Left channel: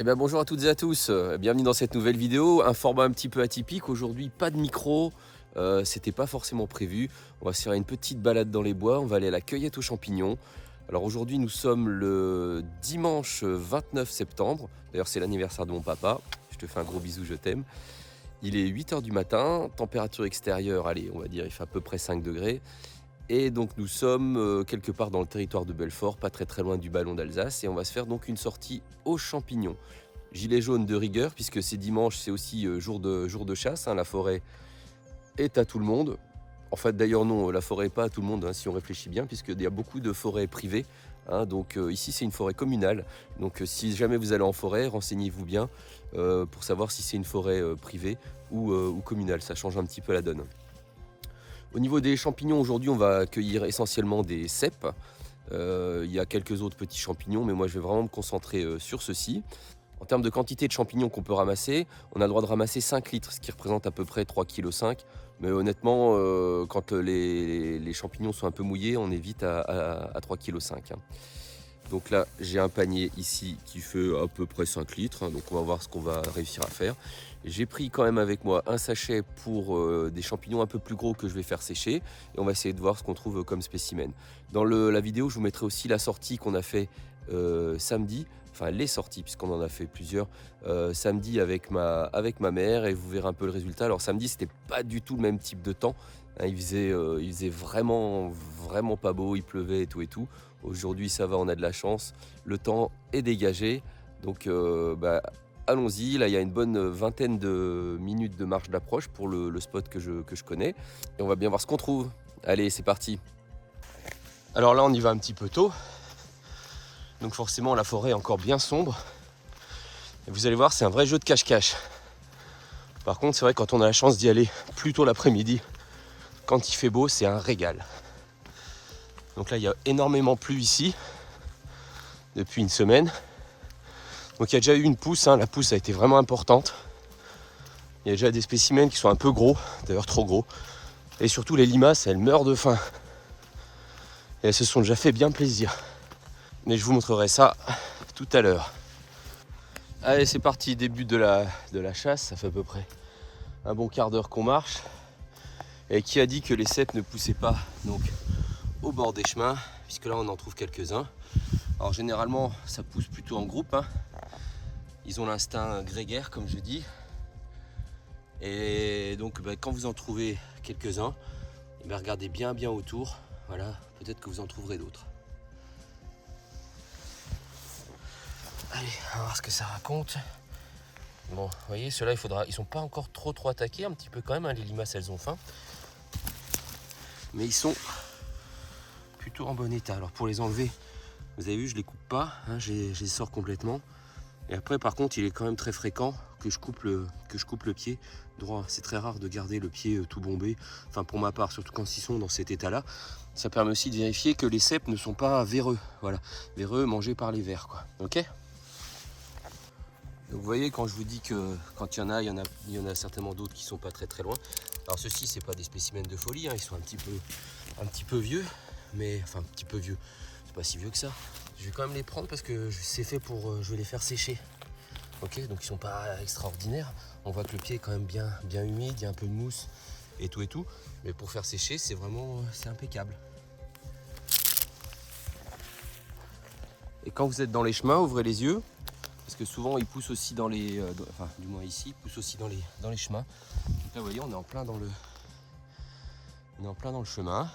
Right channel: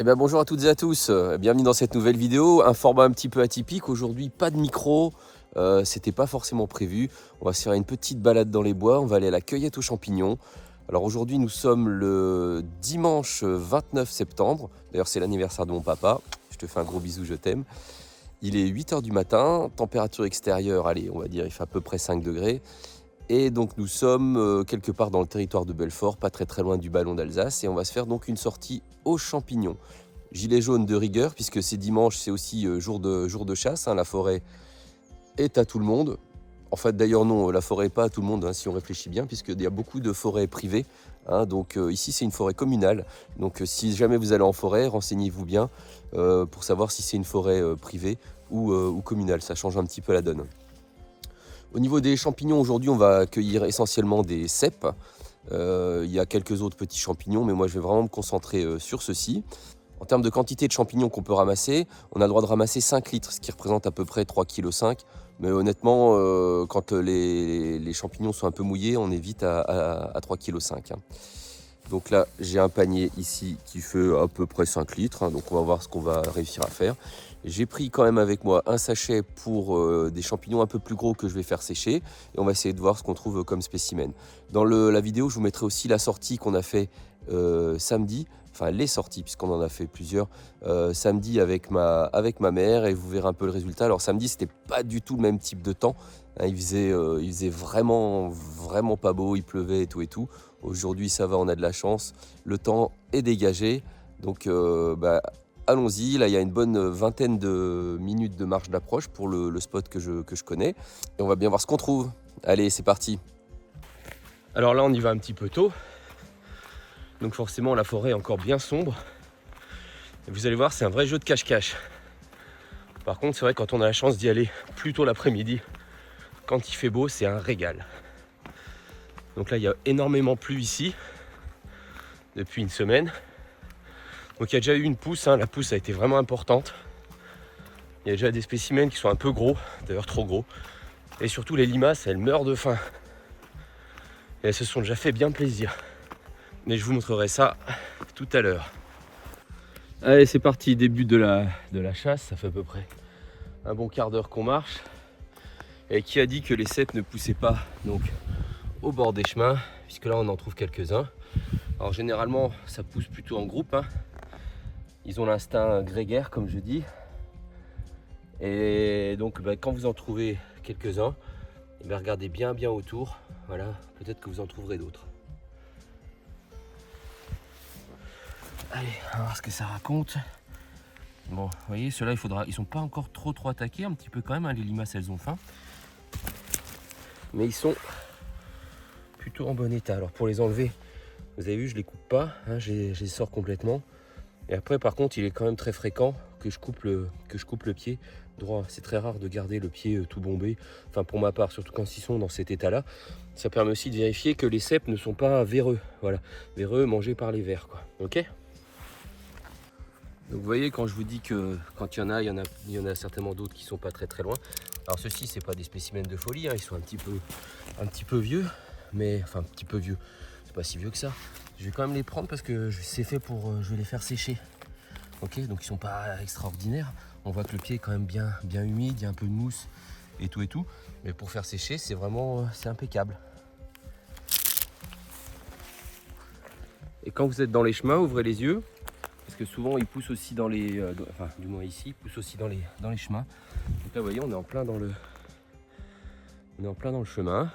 Eh bien, bonjour à toutes et à tous, bienvenue dans cette nouvelle vidéo. Un format un petit peu atypique, aujourd'hui pas de micro, c'était pas forcément prévu. On va se faire une petite balade dans les bois, on va aller à la cueillette aux champignons. Alors aujourd'hui nous sommes le dimanche 29 septembre, d'ailleurs c'est l'anniversaire de mon papa, je te fais un gros bisou, je t'aime. Il est 8 h du matin, température extérieure, allez on va dire il fait à peu près 5 degrés. Et donc nous sommes quelque part dans le territoire de Belfort, pas très loin du Ballon d'Alsace, et on va se faire donc une sortie aux champignons. Gilet jaune de rigueur, puisque c'est dimanche, c'est aussi jour de chasse, hein, la forêt est à tout le monde. En fait d'ailleurs non, la forêt n'est pas à tout le monde, hein, si on réfléchit bien, puisqu'il y a beaucoup de forêts privées, hein, donc ici c'est une forêt communale. Donc si jamais vous allez en forêt, renseignez-vous bien pour savoir si c'est une forêt privée ou communale, ça change un petit peu la donne. Au niveau des champignons, aujourd'hui, on va cueillir essentiellement des cèpes. Il y a quelques autres petits champignons, mais moi, je vais vraiment me concentrer sur ceux-ci. En termes de quantité de champignons qu'on peut ramasser, on a le droit de ramasser 5 litres, ce qui représente à peu près 3,5 kg. Mais honnêtement, quand les champignons sont un peu mouillés, on est vite à 3,5 kg. Donc là, j'ai un panier ici qui fait à peu près 5 litres. Hein, donc on va voir ce qu'on va réussir à faire. J'ai pris quand même avec moi un sachet pour des champignons un peu plus gros que je vais faire sécher. Et on va essayer de voir ce qu'on trouve comme spécimen. Dans la vidéo, je vous mettrai aussi la sortie qu'on a fait samedi. Enfin, les sorties, puisqu'on en a fait plusieurs. Samedi avec ma mère. Et vous verrez un peu le résultat. Alors samedi, c'était pas du tout le même type de temps. Hein, il faisait vraiment pas beau. Il pleuvait et tout. Aujourd'hui, ça va, on a de la chance. Le temps est dégagé. Donc, allons-y. Là, il y a une bonne vingtaine de minutes de marche d'approche pour le spot que je connais. Et on va bien voir ce qu'on trouve. Allez, c'est parti. Alors là, on y va un petit peu tôt. Donc forcément, la forêt est encore bien sombre. Et vous allez voir, c'est un vrai jeu de cache-cache. Par contre, c'est vrai, quand on a la chance d'y aller plus tôt l'après-midi, quand il fait beau, c'est un régal. Donc là, il y a énormément plu ici depuis une semaine. Donc il y a déjà eu une pousse, hein. La pousse a été vraiment importante. Il y a déjà des spécimens qui sont un peu gros, d'ailleurs trop gros. Et surtout les limaces, elles meurent de faim. Et elles se sont déjà fait bien plaisir. Mais je vous montrerai ça tout à l'heure. Allez, c'est parti, début de la chasse. Ça fait à peu près un bon quart d'heure qu'on marche. Et qui a dit que les cèpes ne poussaient pas donc au bord des chemins, puisque là on en trouve quelques-uns. Alors généralement ça pousse plutôt en groupe, hein. Ils ont l'instinct grégaire comme je dis. Et donc quand vous en trouvez quelques-uns, regardez bien autour. Voilà, peut-être que vous en trouverez d'autres. Allez, on va voir ce que ça raconte. Bon, vous voyez, ceux-là, ils sont pas encore trop attaqués, un petit peu quand même, hein, les limaces elles ont faim. Mais ils sont plutôt en bon état. Alors pour les enlever, vous avez vu, je les coupe pas, hein, je les sors complètement. Et après, par contre, il est quand même très fréquent que je coupe le pied droit. C'est très rare de garder le pied tout bombé. Enfin, pour ma part, surtout quand ils sont dans cet état-là. Ça permet aussi de vérifier que les cèpes ne sont pas véreux. Voilà, véreux mangés par les vers, quoi. Ok. Donc, vous voyez, quand je vous dis que quand il y en a certainement d'autres qui sont pas très loin. Alors ceux-ci, c'est pas des spécimens de folie, hein. Ils sont un petit peu vieux, mais enfin un petit peu vieux. C'est pas si vieux que ça. Je vais quand même les prendre parce que c'est fait pour, je vais les faire sécher. Ok, donc ils sont pas extraordinaires. On voit que le pied est quand même bien humide, il y a un peu de mousse et tout. Mais pour faire sécher, c'est impeccable. Et quand vous êtes dans les chemins, ouvrez les yeux. Parce que souvent ils poussent aussi dans les... enfin du moins ici, ils poussent aussi dans les chemins. Donc là vous voyez, on est en plein dans le chemin.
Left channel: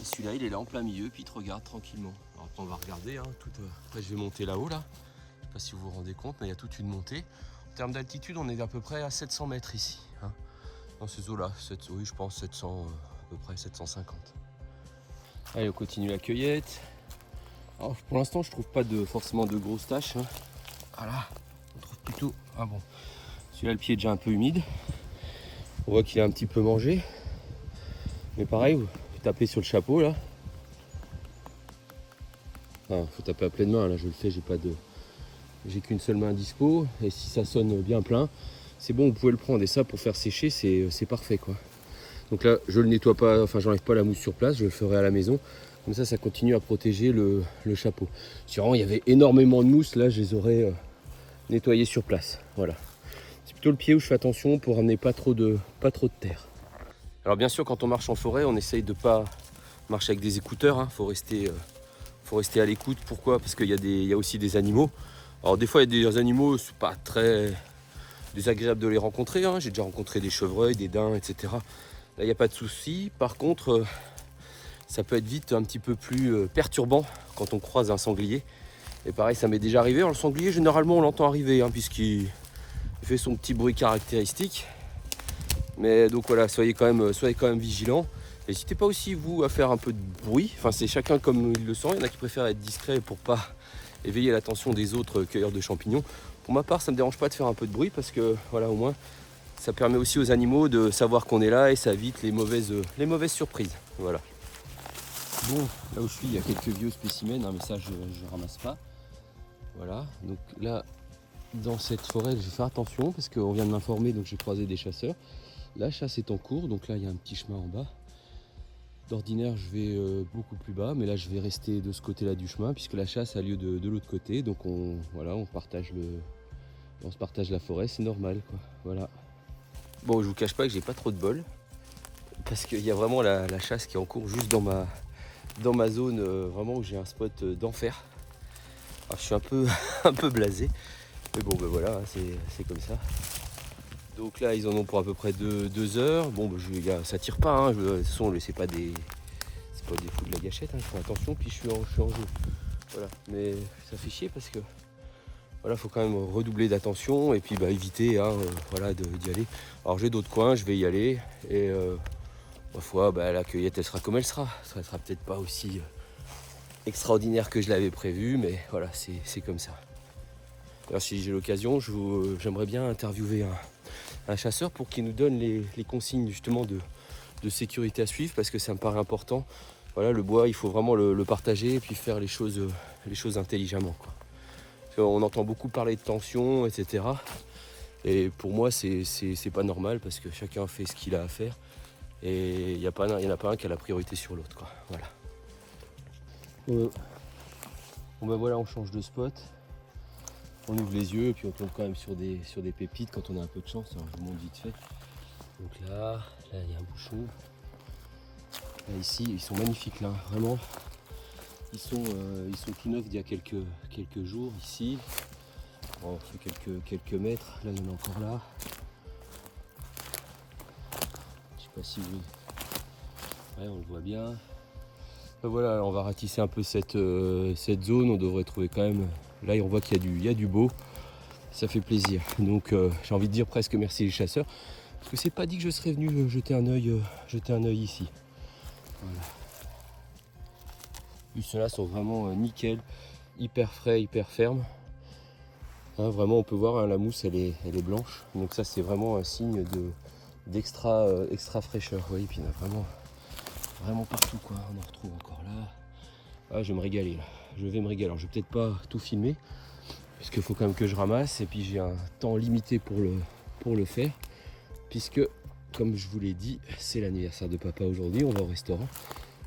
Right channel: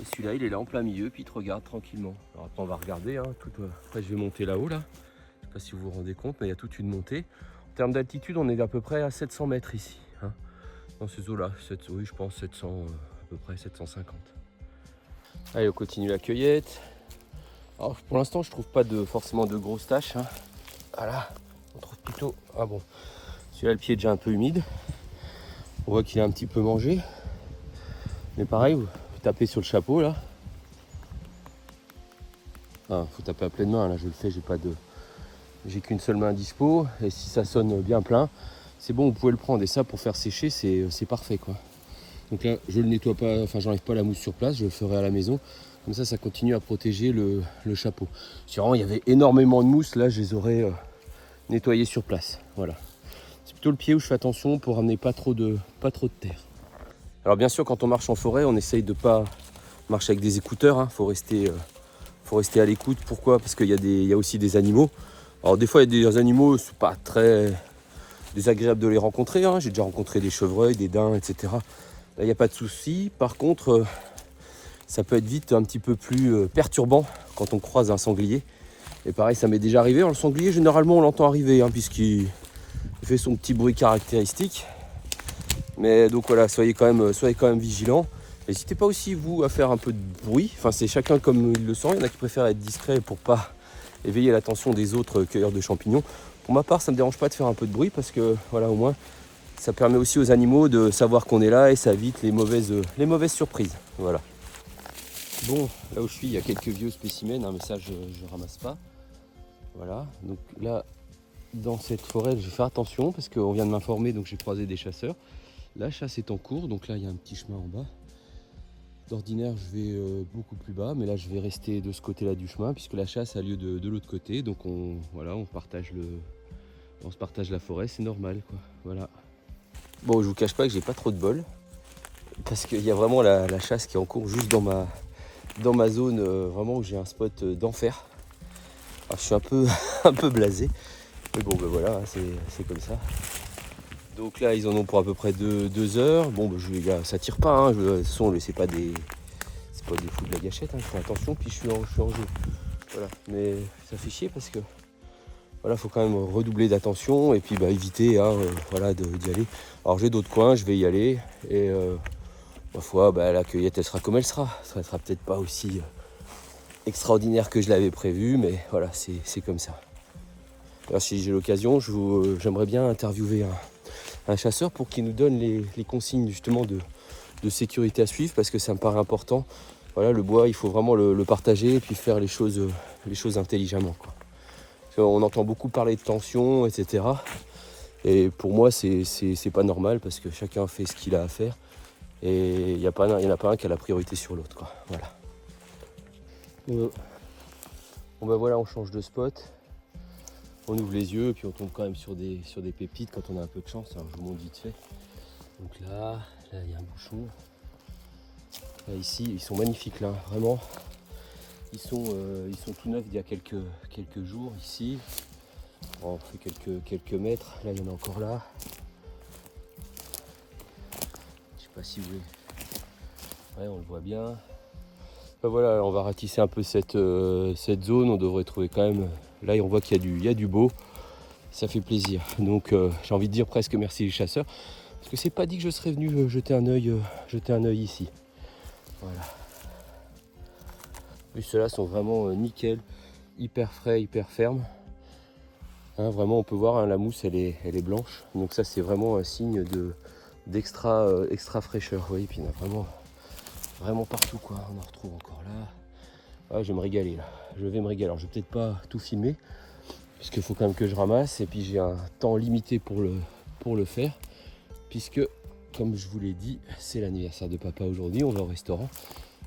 Et celui-là il est là en plein milieu, puis il te regarde tranquillement. Alors après on va regarder, hein, après je vais monter là-haut là. Je sais pas si vous vous rendez compte, mais il y a toute une montée. En termes d'altitude, on est à peu près à 700 mètres ici. Hein, dans ces eaux-là. Oui, je pense 700, à peu près 750. Allez, on continue la cueillette. Alors, pour l'instant, je trouve pas forcément de grosses taches. Hein. Voilà, on trouve plutôt... Ah bon, celui-là, le pied est déjà un peu humide. On voit qu'il est un petit peu mangé. Mais pareil, vous tapez sur le chapeau, là. Enfin, faut taper à pleine main, là, je le sais, j'ai qu'une seule main dispo. Et si ça sonne bien plein, c'est bon, vous pouvez le prendre. Et ça, pour faire sécher, c'est parfait, quoi. Donc là, je le nettoie pas, enfin, j'enlève pas la mousse sur place, je le ferai à la maison. Comme ça continue à protéger le chapeau. Si vraiment il y avait énormément de mousse, là je les aurais nettoyés sur place. Voilà. C'est plutôt le pied où je fais attention pour ramener pas trop de terre. Alors bien sûr, quand on marche en forêt, on essaye de pas marcher avec des écouteurs. Hein. Faut rester à l'écoute. Pourquoi? Parce qu'il y a aussi des animaux. Alors des fois, il y a des animaux, c'est pas très désagréable de les rencontrer. Hein. J'ai déjà rencontré des chevreuils, des daims, etc. Là, il n'y a pas de souci. Par contre, ça peut être vite un petit peu plus perturbant quand on croise un sanglier. Et pareil, ça m'est déjà arrivé. Alors, le sanglier, généralement, on l'entend arriver, hein, puisqu'il fait son petit bruit caractéristique. Mais donc voilà, soyez quand même vigilants. N'hésitez pas aussi, vous, à faire un peu de bruit. Enfin, c'est chacun comme il le sent. Il y en a qui préfèrent être discret pour pas éveiller l'attention des autres cueilleurs de champignons. Pour ma part, ça ne me dérange pas de faire un peu de bruit parce que, voilà, au moins, ça permet aussi aux animaux de savoir qu'on est là et ça évite les mauvaises surprises. Voilà. Bon, là où je suis, il y a quelques vieux spécimens, hein, mais ça, je ne ramasse pas. Voilà, donc là, dans cette forêt, je vais faire attention parce qu'on vient de m'informer, donc j'ai croisé des chasseurs. La chasse est en cours, donc là, il y a un petit chemin en bas. D'ordinaire, je vais beaucoup plus bas, mais là, je vais rester de ce côté-là du chemin puisque la chasse a lieu de l'autre côté. Donc, on se partage la forêt, c'est normal, quoi. Voilà. Bon, je vous cache pas que j'ai pas trop de bol parce qu'il y a vraiment la chasse qui est en cours juste dans ma zone, vraiment où j'ai un spot d'enfer. Alors, je suis un peu, un peu blasé, mais bon, ben voilà, hein, c'est comme ça. Donc là, ils en ont pour à peu près 2 heures. Bon, ça tire pas, hein. De toute façon, c'est pas des fous de la gâchette, hein. Je fais attention, puis je suis en jeu. Voilà, mais ça fait chier parce que voilà, faut quand même redoubler d'attention et puis éviter voilà, d'y aller. Alors j'ai d'autres coins, je vais y aller et ma foi, la cueillette elle sera comme elle sera. Ça sera peut-être pas aussi extraordinaire que je l'avais prévu, mais voilà, c'est comme ça. Alors si j'ai l'occasion, j'aimerais bien interviewer un chasseur pour qu'il nous donne les consignes justement de sécurité à suivre parce que ça me paraît important. Voilà, le bois, il faut vraiment le partager et puis faire les choses intelligemment, quoi. On entend beaucoup parler de tension, etc. Et pour moi, c'est pas normal parce que chacun fait ce qu'il a à faire. Et il n'y en a pas un qui a la priorité sur l'autre, quoi. Voilà. Bon, voilà, on change de spot. On ouvre les yeux et puis on tombe quand même sur des pépites quand on a un peu de chance. Hein, je vous montre vite fait. Donc là, il y a un bouchon. Là, ici, ils sont magnifiques, là, vraiment. Ils sont tout neufs d'il y a quelques jours ici. On fait quelques mètres. Là, il y en a encore là. Je sais pas si vous voulez. Ouais, on le voit bien. Voilà, on va ratisser un peu cette zone. On devrait trouver quand même. Là, on voit qu'il y a du beau. Ça fait plaisir. Donc, j'ai envie de dire presque merci les chasseurs. Parce que c'est pas dit que je serais venu jeter un œil ici. Voilà. Puis ceux-là sont vraiment nickel, hyper frais, hyper fermes. Hein, vraiment, on peut voir, hein, la mousse, elle est blanche. Donc ça, c'est vraiment un signe d'extra fraîcheur. Vous voyez, puis il y en a vraiment partout, quoi. On en retrouve encore là. Ah, je vais me régaler là. Je vais me régaler. Alors, je vais peut-être pas tout filmer, puisqu'il faut quand même que je ramasse. Et puis, j'ai un temps limité pour le faire, puisque, comme je vous l'ai dit, c'est l'anniversaire de papa aujourd'hui. On va au restaurant.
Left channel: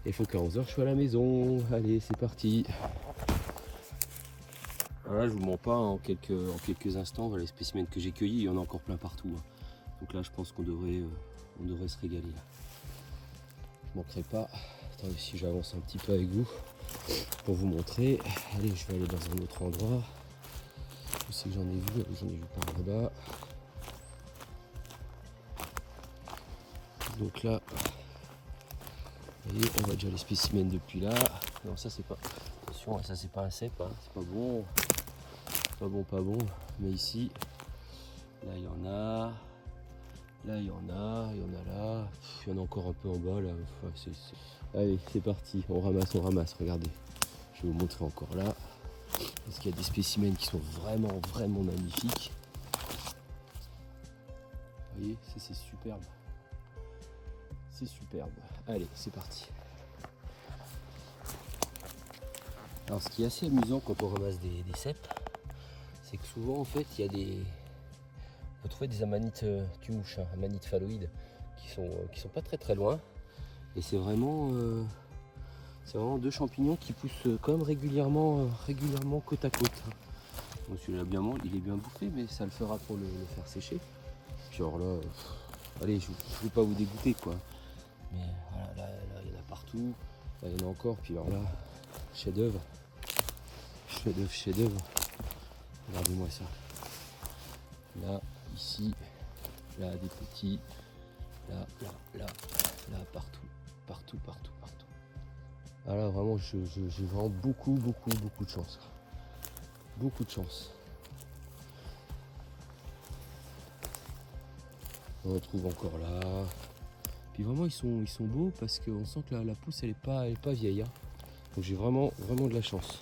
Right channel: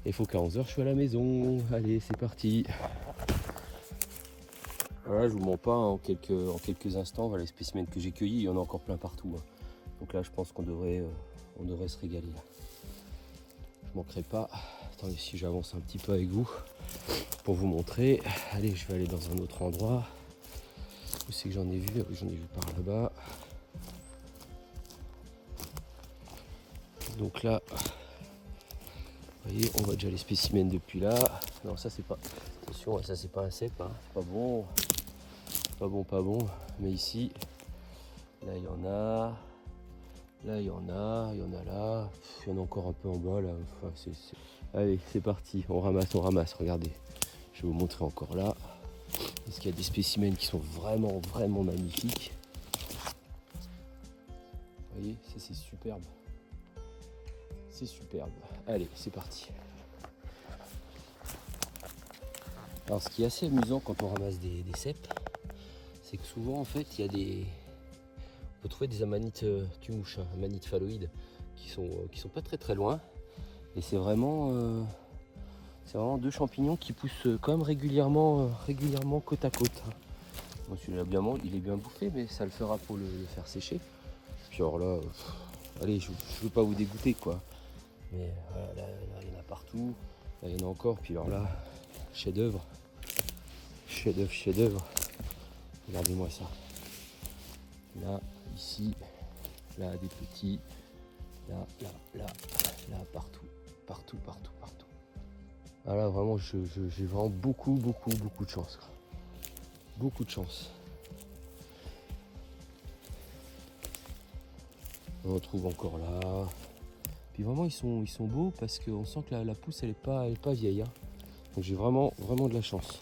Il faut qu'à 11 h, je sois à la maison. Allez, c'est parti. Alors là, je vous mens pas, en quelques instants, voilà les spécimens que j'ai cueillis, il y en a encore plein partout. Hein. Donc là, je pense qu'on devrait se régaler. Là. Je manquerai pas. Attendez, si j'avance un petit peu avec vous pour vous montrer. Allez, je vais aller dans un autre endroit. Je sais que j'en ai vu par là-bas. Donc là, vous voyez, on voit déjà les spécimens depuis là. Non, ça c'est pas. Attention, ça c'est pas un cep, hein. C'est pas bon. Pas bon. Mais ici, là il y en a. Là il y en a là. Il y en a encore un peu en bas là. Enfin, Allez, c'est parti. On ramasse. Regardez. Je vais vous montrer encore là. Parce qu'il y a des spécimens qui sont vraiment magnifiques. Vous voyez, ça c'est superbe. C'est superbe. Allez, c'est parti. Alors ce qui est assez amusant quand on ramasse des cèpes, c'est que souvent en fait il y a vous trouvez des amanites tumouches, hein, amanites phalloïdes, qui sont pas très loin. Et c'est vraiment C'est vraiment deux champignons qui poussent quand même régulièrement côte à côte. Bon, celui-là il est bien bouffé, mais ça le fera pour le faire sécher. Puis alors là, allez, je ne veux pas vous dégoûter quoi. Mais voilà, là, il y en a partout. Là, il y en a encore. Puis alors là, chef-d'œuvre. Chef-d'œuvre. Regardez-moi ça. Là, ici, là, des petits. Là, partout. Ah là, vraiment, j'ai vraiment beaucoup de chance. Beaucoup de chance. On en trouve encore là. Puis vraiment, ils sont beaux parce qu'on sent que la pousse, elle est pas vieille. Hein. Donc j'ai vraiment de la chance.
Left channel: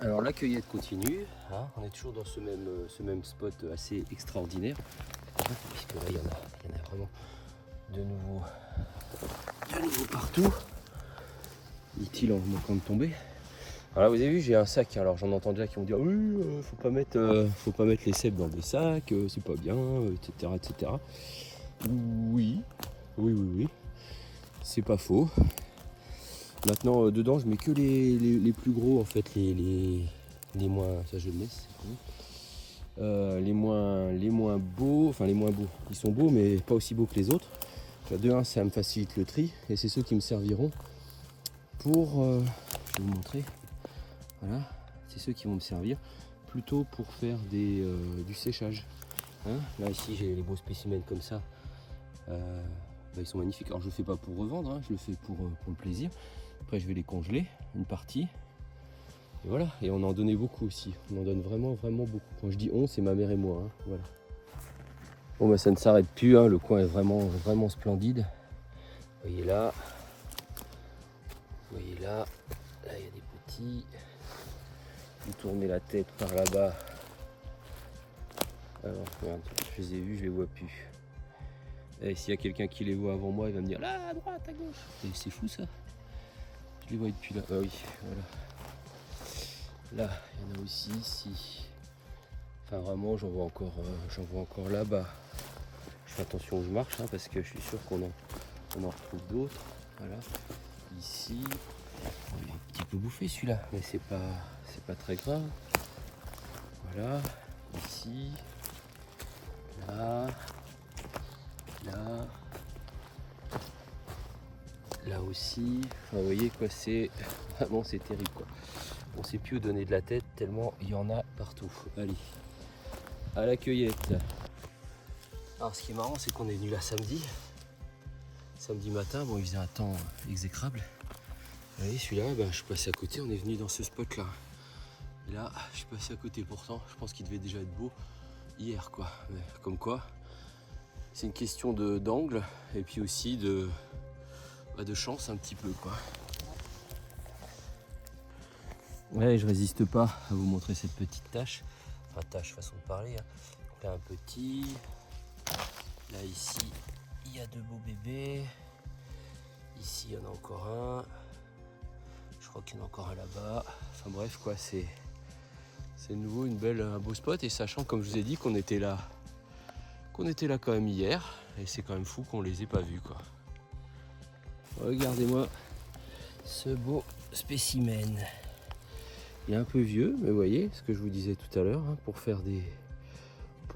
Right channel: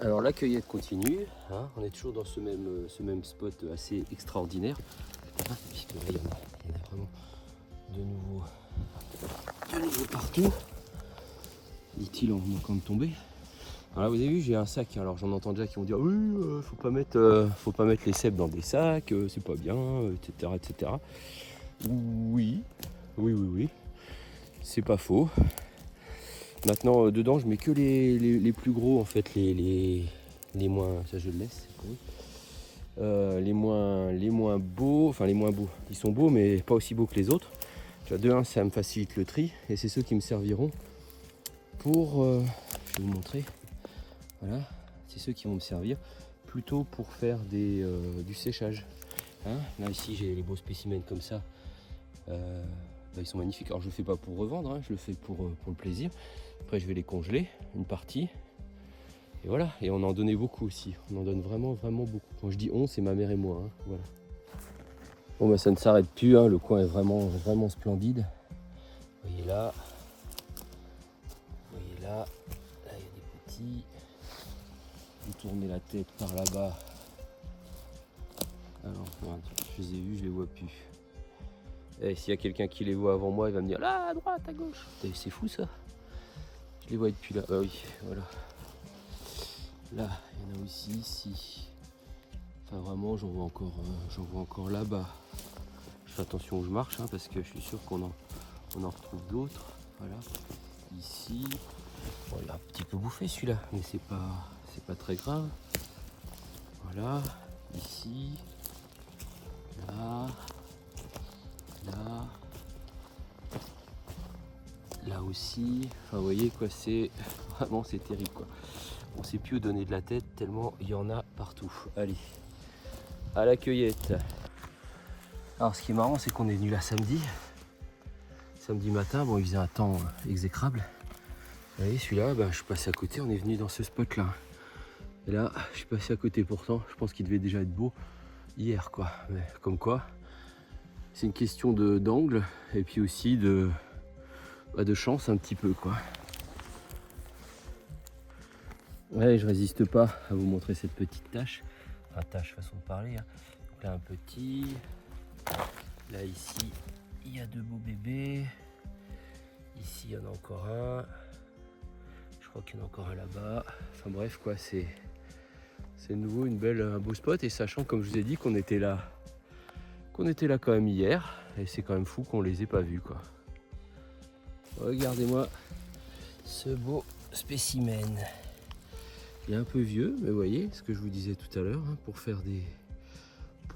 Alors la cueillette continue. Hein. On est toujours dans ce même spot assez extraordinaire. Hein, puisque là, il y en a vraiment de nouveau partout. Dit-il en manquant de tomber. Alors là, vous avez vu, j'ai un sac. Alors j'en entends déjà qui vont dire oui, faut pas mettre les cèpes dans des sacs, c'est pas bien, etc. Oui, c'est pas faux. Maintenant, dedans, je mets que les plus gros, en fait, les moins, ça je le laisse. Les moins beaux, ils sont beaux, mais pas aussi beaux que les autres. De un, ça me facilite le tri, et c'est ceux qui me serviront pour, je vais vous montrer, voilà, c'est ceux qui vont me servir plutôt pour faire du séchage. Hein, là ici j'ai les beaux spécimens comme ça, ils sont magnifiques. Alors je le fais pas pour revendre, hein, je le fais pour le plaisir. Après je vais les congeler, une partie, et voilà. Et on en donnait beaucoup aussi, on en donne vraiment beaucoup. Quand je dis on, c'est ma mère et moi, hein, voilà. Bon bah ça ne s'arrête plus, hein, le coin est vraiment splendide. Vous voyez là, il y a des petits. Vous tournez la tête par là-bas. Alors, je les ai vus, je les vois plus. Et s'il y a quelqu'un qui les voit avant moi, il va me dire là, à droite, à gauche. C'est fou ça. Je les vois depuis là. Ah oui, voilà. Là, il y en a aussi ici. Enfin, vraiment, j'en vois encore là-bas. Je fais attention où je marche, hein, parce que je suis sûr qu'on en retrouve d'autres. Voilà. Ici, on l'a un petit peu bouffé celui-là, mais c'est pas très grave. Voilà, ici, là, là aussi. Enfin, vous voyez quoi, c'est terrible quoi. On sait plus où donner de la tête tellement il y en a partout. Allez, à la cueillette. Alors, ce qui est marrant, c'est qu'on est venu là samedi matin. Bon, il faisait un temps exécrable. Vous voyez, celui-là, je suis passé à côté. On est venu dans ce spot là. Et là, je suis passé à côté pourtant. Je pense qu'il devait déjà être beau hier, quoi. Mais comme quoi, c'est une question d'angle et puis aussi de chance un petit peu, quoi. Ouais, je résiste pas à vous montrer cette petite tache. Enfin, tache, façon de parler. Hein. Donc là, un petit. Là, ici, il y a deux beaux bébés. Ici, il y en a encore un. Je crois qu'il y en a encore un là-bas. Enfin bref, quoi, c'est de nouveau un beau spot. Et sachant, comme je vous ai dit, qu'on était là quand même hier. Et c'est quand même fou qu'on les ait pas vus, quoi. Regardez-moi ce beau spécimen. Il est un peu vieux, mais vous voyez ce que je vous disais tout à l'heure, hein, pour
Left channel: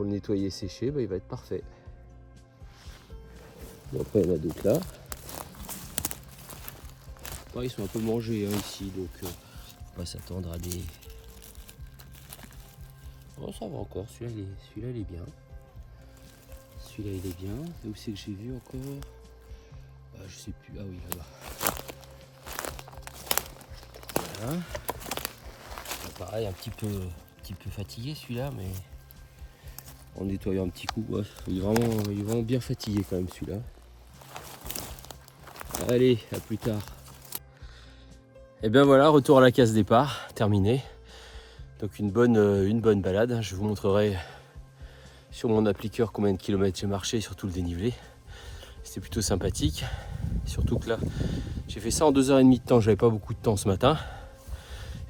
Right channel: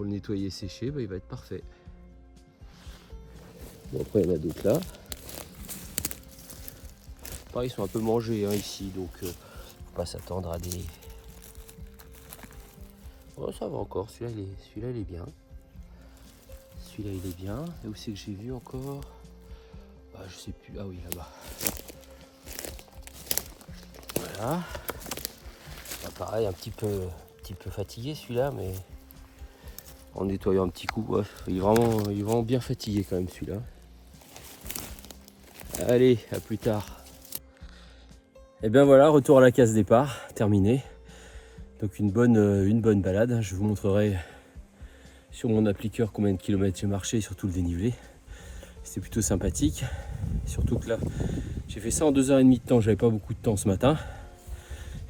le nettoyer et sécher, il va être parfait. Bon, après, il y en a d'autres là. Pareil, ils sont un peu mangés, hein, ici, donc faut pas s'attendre à des... Oh, ça va encore, celui-là il est bien. Celui-là il est bien. Et où c'est que j'ai vu encore? Je sais plus. Ah oui, là-bas. Voilà. Pareil, un petit peu fatigué celui-là, mais en nettoyant un petit coup, ouais, il est vraiment bien fatigué quand même celui-là. Allez, à plus tard. Et bien voilà, retour à la case départ, terminé. Donc une bonne balade. Je vous montrerai sur mon appliqueur combien de kilomètres j'ai marché, surtout le dénivelé. C'était plutôt sympathique. Surtout que là, j'ai fait ça en 2h30 de temps, j'avais pas beaucoup de temps ce matin.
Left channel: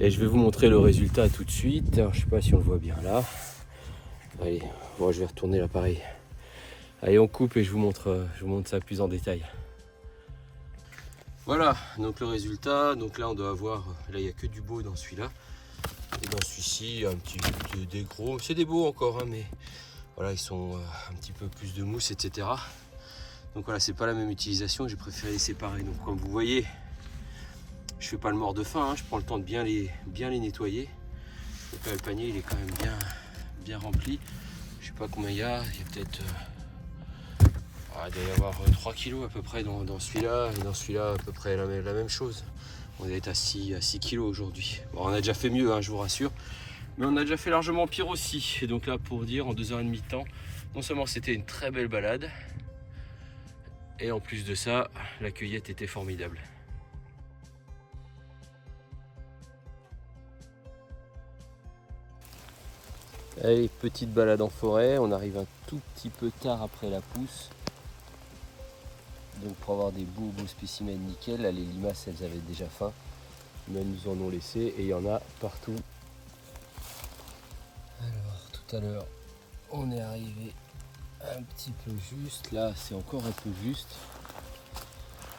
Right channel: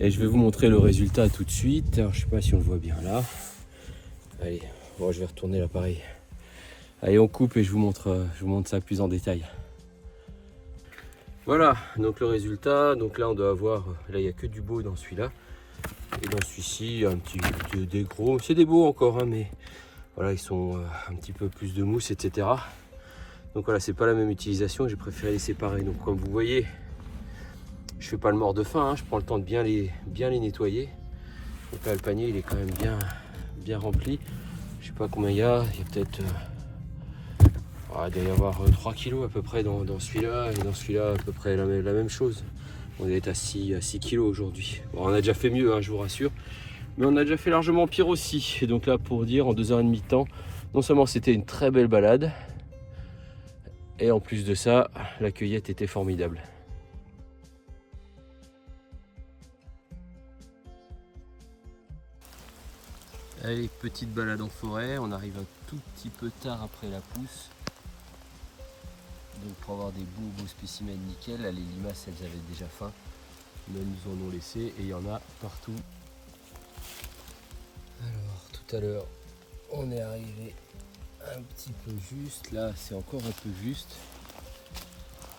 Et je vais vous montrer le résultat tout de suite. Alors, je sais pas si on le voit bien là. Allez, bon, je vais retourner l'appareil. Allez, on coupe et je vous montre ça plus en détail. Voilà, donc le résultat, donc là on doit avoir, là il n'y a que du beau dans celui-là. Et dans celui-ci, il y a un petit des gros, c'est des beaux encore, hein, mais voilà, ils sont un petit peu plus de mousse, etc. Donc voilà, c'est pas la même utilisation, j'ai préféré les séparer. Donc comme vous voyez, je fais pas le mort de faim, hein, je prends le temps de bien les nettoyer. Donc là, le panier il est quand même bien rempli. Je sais pas combien il y a peut-être... il doit y avoir 3 kilos à peu près dans celui-là, et dans celui-là à peu près la même chose. On est à 6 kilos aujourd'hui. Bon, on a déjà fait mieux, hein, je vous rassure, mais on a déjà fait largement pire aussi. Et donc là, pour dire, en 2h30 de temps, non seulement c'était une très belle balade, et en plus de ça, la cueillette était formidable. Allez, petite balade en forêt, on arrive un tout petit peu tard après la pousse. Donc pour avoir des beaux spécimens nickel, là les limaces elles avaient déjà faim, mais elles nous en ont laissé et il y en a partout. Alors tout à l'heure on est arrivé un petit peu juste, là c'est encore un peu juste,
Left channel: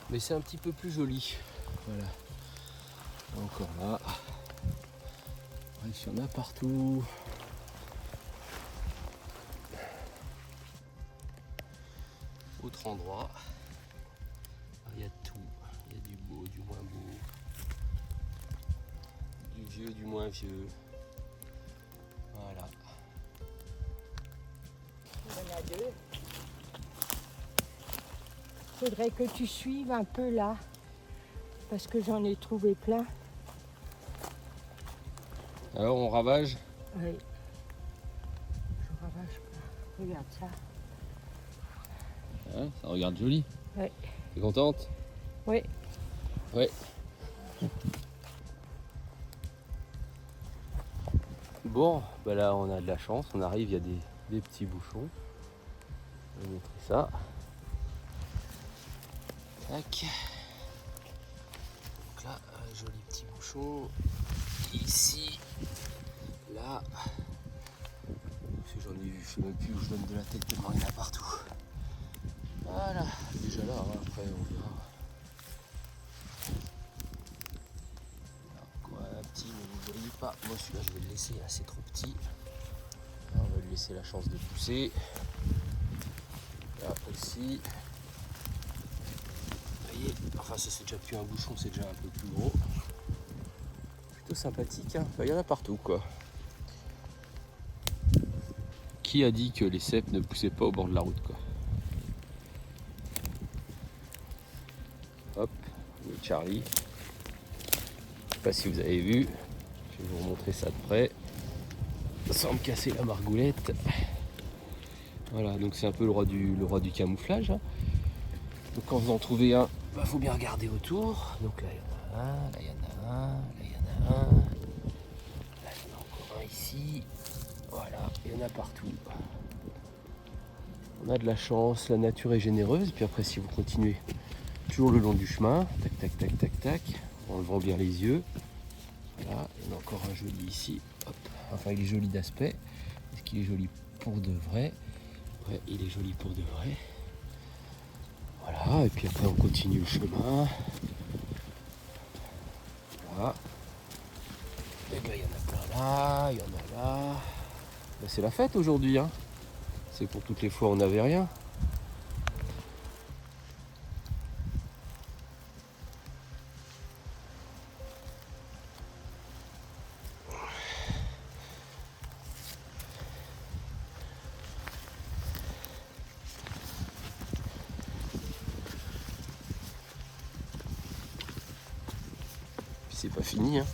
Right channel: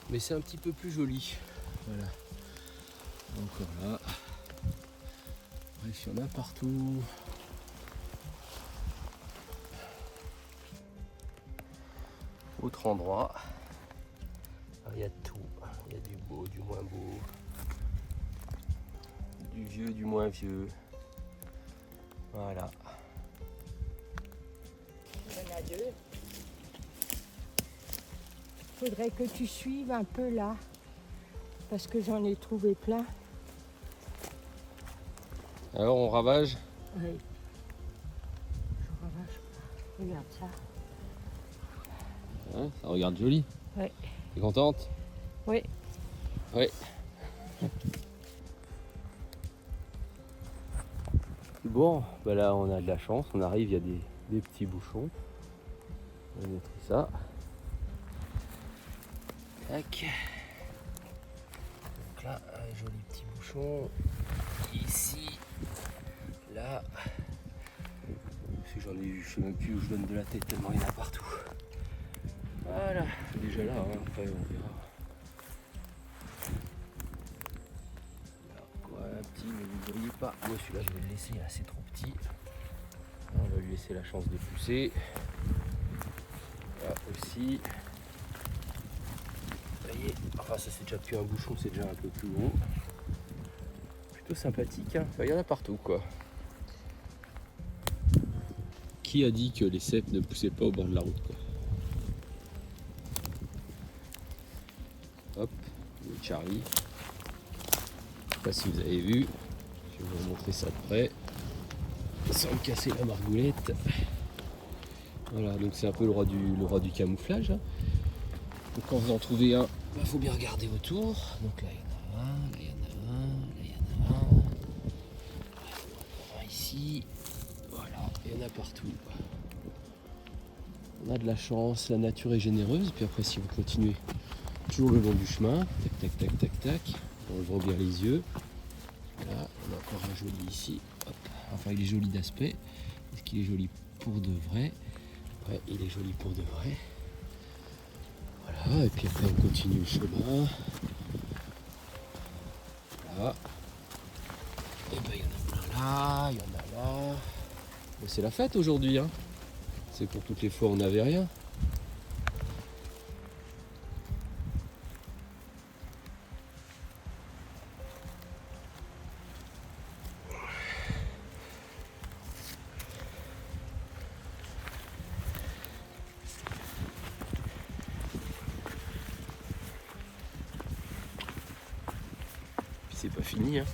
mais c'est un petit peu plus joli. Voilà, encore là. Bref, il y en a partout. Autre endroit. Il y a tout, il y a du beau, du moins beau, du vieux, du moins vieux. Voilà. Il y en a deux. Faudrait que tu suives un peu là, parce que j'en ai trouvé plein. Alors on ravage? Oui. Je ravage pas. Regarde ça. Ouais, ça regarde joli. Oui. T'es contente? Oui. Oui. Bon, bah là on a de la chance, on arrive, il y a des petits bouchons. On va montrer ça. Tac. Donc là, un joli petit bouchon. Ici. Là. J'en ai eu, je sais même plus où je donne de la tête tellement il y en a partout. Voilà. Déjà là, hein, après on verra. Un petit, mais ne brille pas. Mais celui-là, je vais le laisser, là, c'est trop petit. On va lui laisser la chance de pousser. Là aussi. Vous voyez, enfin, ça c'est déjà plus un bouchon, c'est déjà un peu plus gros. Plutôt sympathique, hein. Enfin, il y en a partout, quoi. Qui a dit que les cèpes ne poussaient pas au bord de la route, quoi? Hop, le Charlie. Je sais pas si vous avez vu. Je vais vous remontrer ça de près. Sans me casser la margoulette. Voilà, donc c'est un peu le roi du camouflage. Hein. Donc quand vous en trouvez un, il faut bien regarder autour. Donc là il y en a un, là il y en a un, là il y en a un. Là il y en a encore un ici. Voilà, il y en a partout. On a de la chance, la nature est généreuse. Et puis après si vous continuez toujours le long du chemin, tac tac tac tac tac, en levant bien les yeux. Voilà, on a encore un joli ici. Hop. Enfin il est joli d'aspect. Est-ce qu'il est joli pour de vrai? Ouais, il est joli pour de vrai. Voilà, et puis après on continue le chemin. Voilà. Et ben il y en a plein là, il y en a là. Ben, c'est la fête aujourd'hui, hein. C'est pour toutes les fois on n'avait rien. C'est pas fini, hein.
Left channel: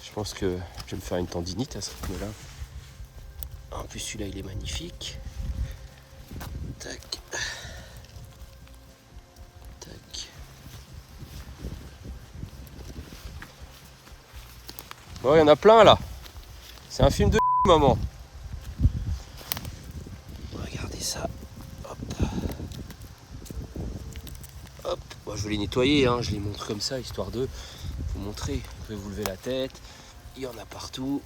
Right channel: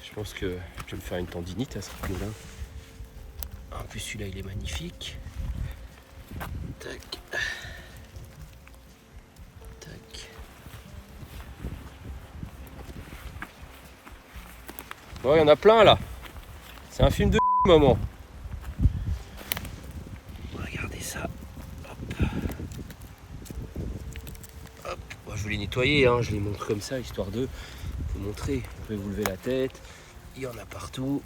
Je pense que je vais me faire une tendinite à ce moment-là. En plus celui-là il est magnifique. Tac. Tac. Bon, il y en a plein là. C'est un film de maman. Regardez ça. Hop. Hop. Bon, je vais les nettoyer, hein. Je les montre comme ça, histoire de vous montrer. Vous pouvez vous lever la tête. Il y en a partout.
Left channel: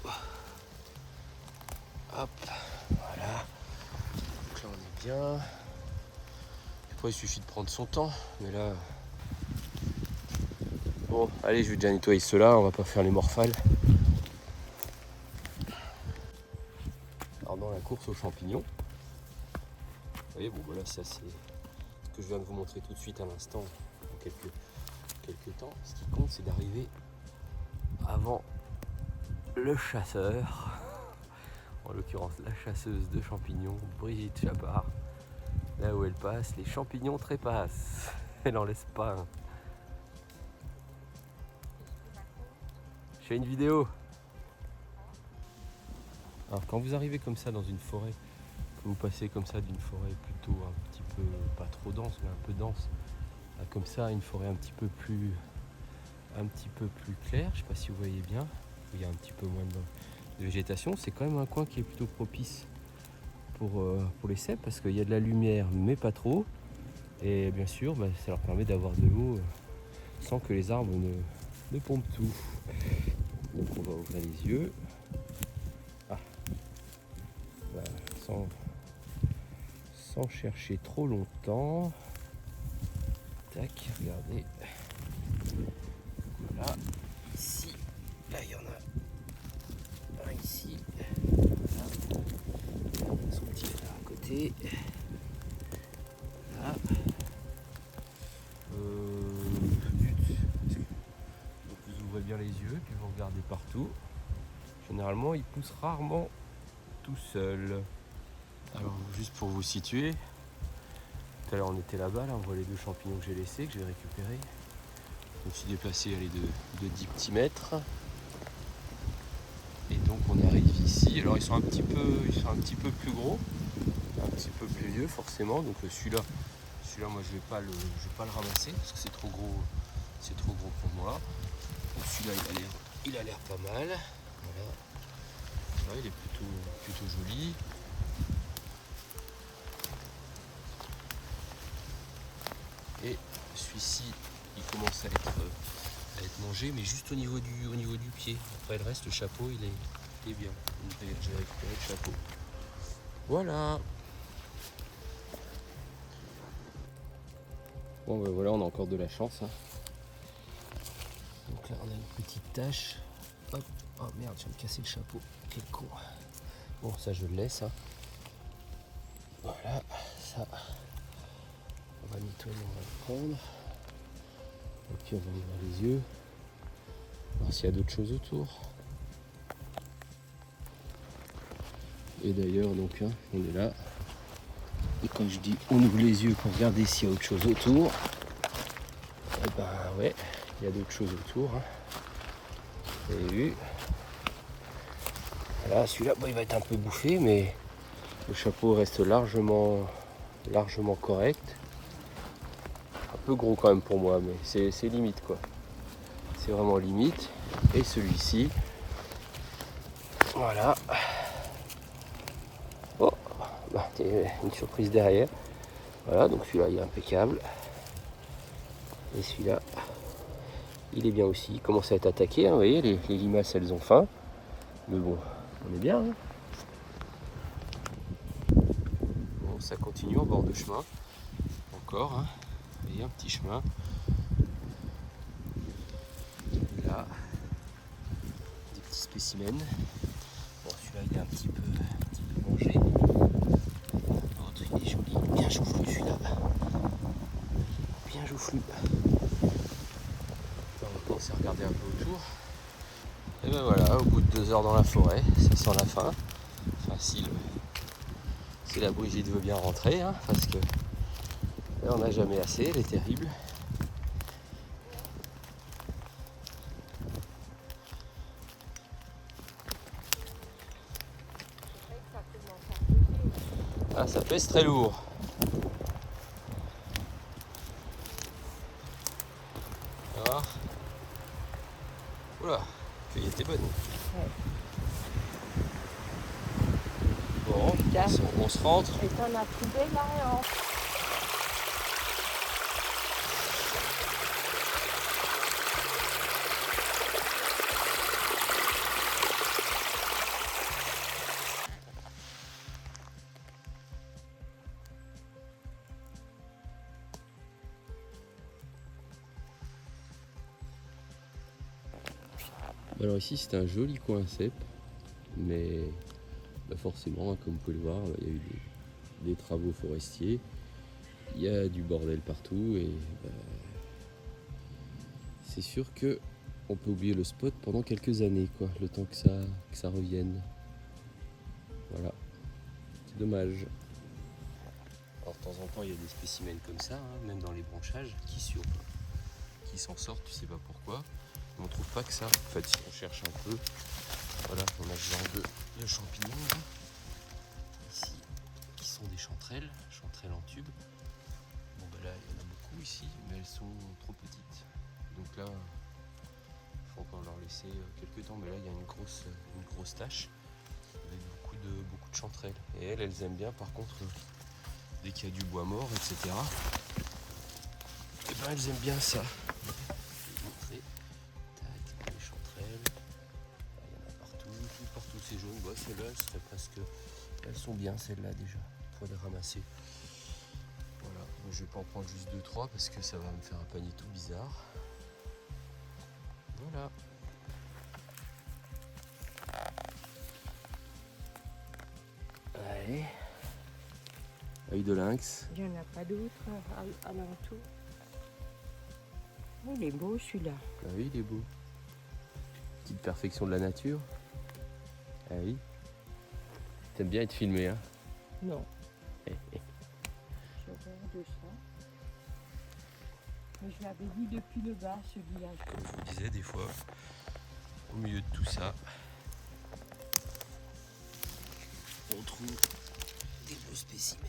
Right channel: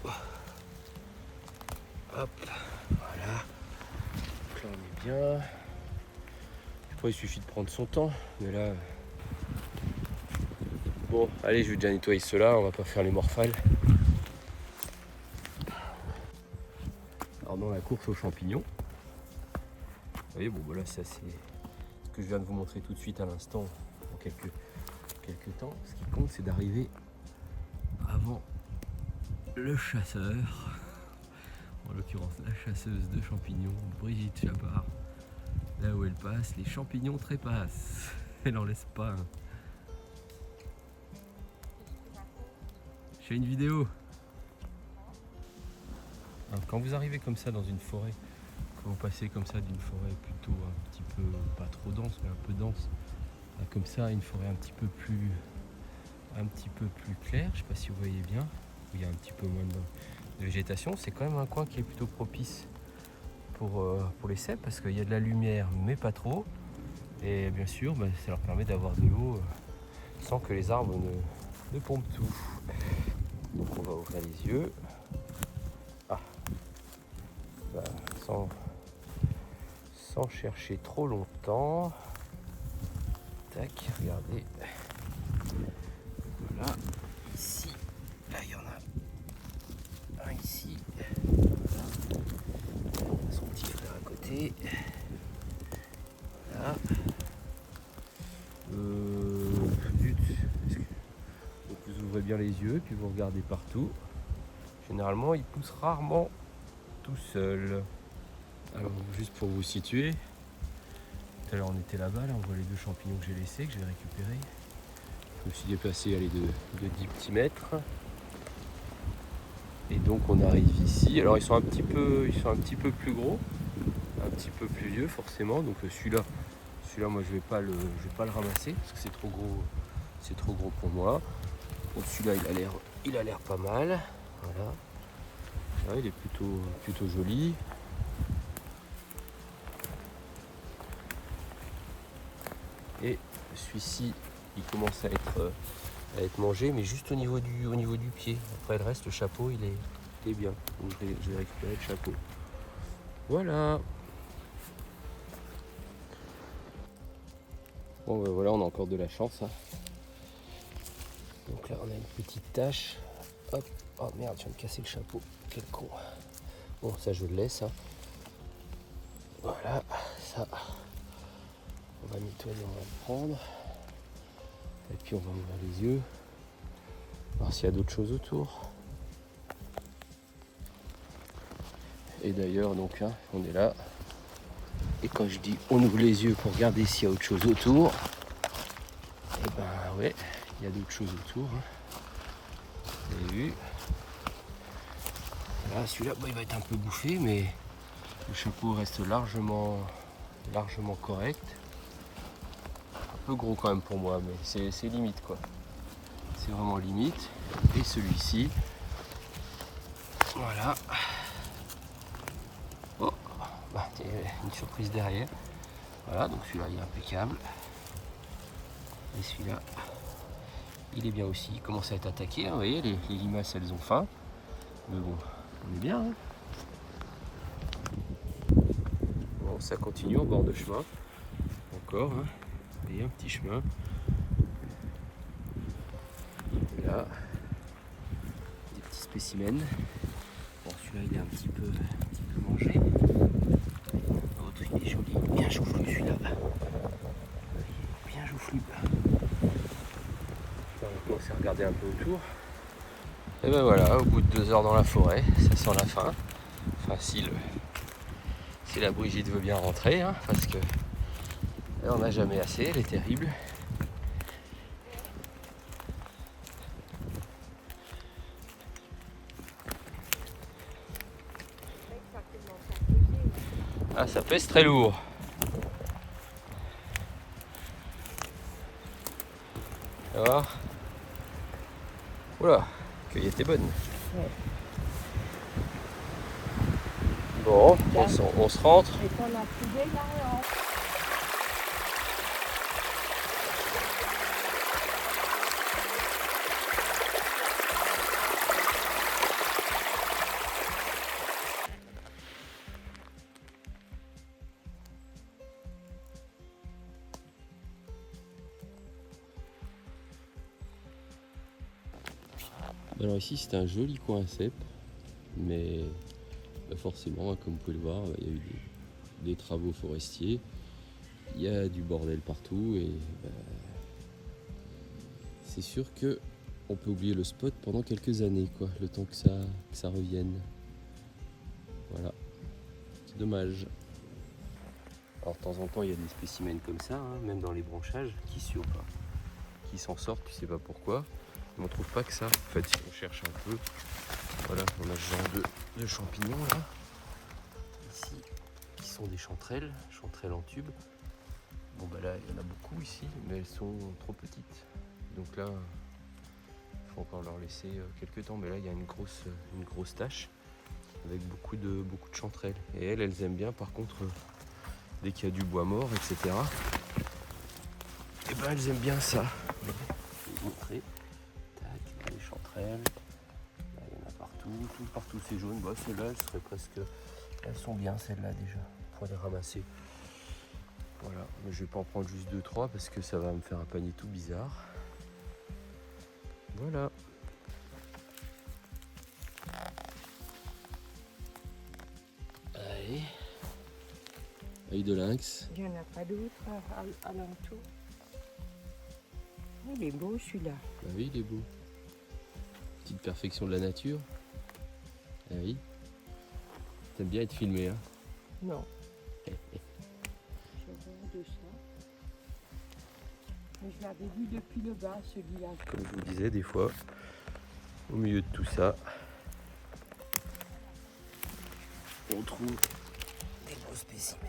Hop. Voilà. Donc là on est bien. Après il suffit de prendre son temps. Mais là, Bon, allez, je vais déjà nettoyer ceux-là, on va pas faire les morphales. Alors dans la course aux champignons, vous voyez, bon voilà, ça c'est ce que je viens de vous montrer tout de suite à l'instant, en quelques temps. Ce qui compte, c'est d'arriver avant le chasseur, en l'occurrence la chasseuse de champignons, Brigitte Chapard. Là où elle passe, les champignons trépassent. Elle en laisse pas un. Je fais une vidéo. Alors quand vous arrivez comme ça dans une forêt, vous passez comme ça d'une forêt plutôt un petit peu, pas trop dense, mais un peu dense, comme ça, une forêt un petit peu plus claire, je sais pas si vous voyez bien, où il y a un petit peu moins de végétation, c'est quand même un coin qui est plutôt propice pour les cèpes, parce qu'il y a de la lumière, mais pas trop, et bien sûr, ça leur permet d'avoir de l'eau sans que les arbres ne pompent tout. On va ouvrir les yeux. Sans chercher trop longtemps. Tac, regardez. Voilà, ici, là il y en a un ici. Son petit frère à côté. Voilà. Donc vous ouvrez bien les yeux, puis vous regardez partout. Généralement, il pousse rarement tout seul. Alors, juste pour vous situer, tout à l'heure on était là-bas, là, on voit les 2 champignons que j'ai laissés, que j'ai récupérés. Je me suis déplacé de 10 petits mètres. Et donc on arrive ici. Alors ils sont un petit peu plus gros, un petit peu plus vieux forcément. Donc celui-là moi je vais pas le ramasser parce que c'est trop gros pour moi. Bon, celui-là il a l'air pas mal. Voilà. Là, il est plutôt joli. Et celui-ci, il commence à être mangé, mais juste au niveau du pied. Après le reste, le chapeau, il est bien. Donc je vais récupérer le chapeau. Voilà. Bon ben voilà, on a encore de la chance. Hein. Donc là, on a une petite tache. Hop. Oh merde, je viens de casser le chapeau. Quel con. Bon, ça je le laisse. Hein. Voilà, ça. On va nettoyer, on va le prendre. Et puis on va ouvrir les yeux. Voir s'il y a d'autres choses autour. Et d'ailleurs, donc, hein, on est là. Et quand je dis on ouvre les yeux pour regarder s'il y a autre chose autour, eh ben ouais, il y a d'autres choses autour. Hein. Vous avez vu. Là, celui-là, il va être un peu bouffé, mais le chapeau reste largement correct. Un peu gros quand même pour moi, mais c'est limite quoi. C'est vraiment limite. Et celui-ci, voilà. Oh, une surprise derrière. Voilà, donc celui-là il est impeccable. Et celui-là, il est bien aussi. Il commence à être attaqué, hein, vous voyez, les limaces elles ont faim. Mais bon, on est bien. Hein. Bon, ça continue au bord de chemin. Encore, hein. Vous voyez, un petit chemin. Et là, des petits spécimens. Bon, celui-là il est un petit peu mangé. L'autre il est joli, bien joufflu celui-là. Bien joufflu. On commence à regarder un peu autour. Et ben voilà, au bout de 2 heures dans la forêt, ça sent la fin. Enfin si la Brigitte veut bien rentrer, hein, parce que là, on n'a jamais assez, elle est terrible. Ah, ça pèse très lourd. Tu vas voir. Oula, la cueillette est bonne. Ouais. Bon, on se rentre. Et qu'on a trouvé là, hein. Alors ici c'est un joli coin à cèpe, mais forcément, comme vous pouvez le voir, il y a eu des travaux forestiers, il y a du bordel partout et c'est sûr que on peut oublier le spot pendant quelques années, quoi, le temps que ça revienne. Voilà, c'est dommage. Alors de temps en temps il y a des spécimens comme ça, hein, même dans les branchages, qui s'en sortent, tu sais pas pourquoi. Mais on trouve pas que ça. En fait, si on cherche un peu, voilà, on a ce genre de champignons là, ici, qui sont des chanterelles en tube. Bon bah là, il y en a beaucoup ici, mais elles sont trop petites. Donc là, il faut encore leur laisser quelques temps. Mais là, il y a une grosse tache avec beaucoup de chanterelles. Et elles aiment bien, par contre, dès qu'il y a du bois mort, etc. Et ben elles aiment bien ça. Je vais vous montrer. Tac, les chanterelles. Là, il y en a partout c'est jaune. Bah, celles-là, elles sont bien celles-là déjà. Pour les ramasser. Voilà, mais je vais pas en prendre juste 2-3 parce que ça va me faire un panier tout bizarre. Voilà. Allez. Œil de lynx. Il n'y en a pas d'autres à l'entour. Oh, il est beau celui-là. Ah oui, il est beau. Petite perfection de la nature. Ah oui. T'aimes bien être filmé, hein? Non. De ça. Mais je l'avais vu depuis le bas, celui-là. Comme je vous disais, des fois, au milieu de tout ça, on trouve des beaux spécimens.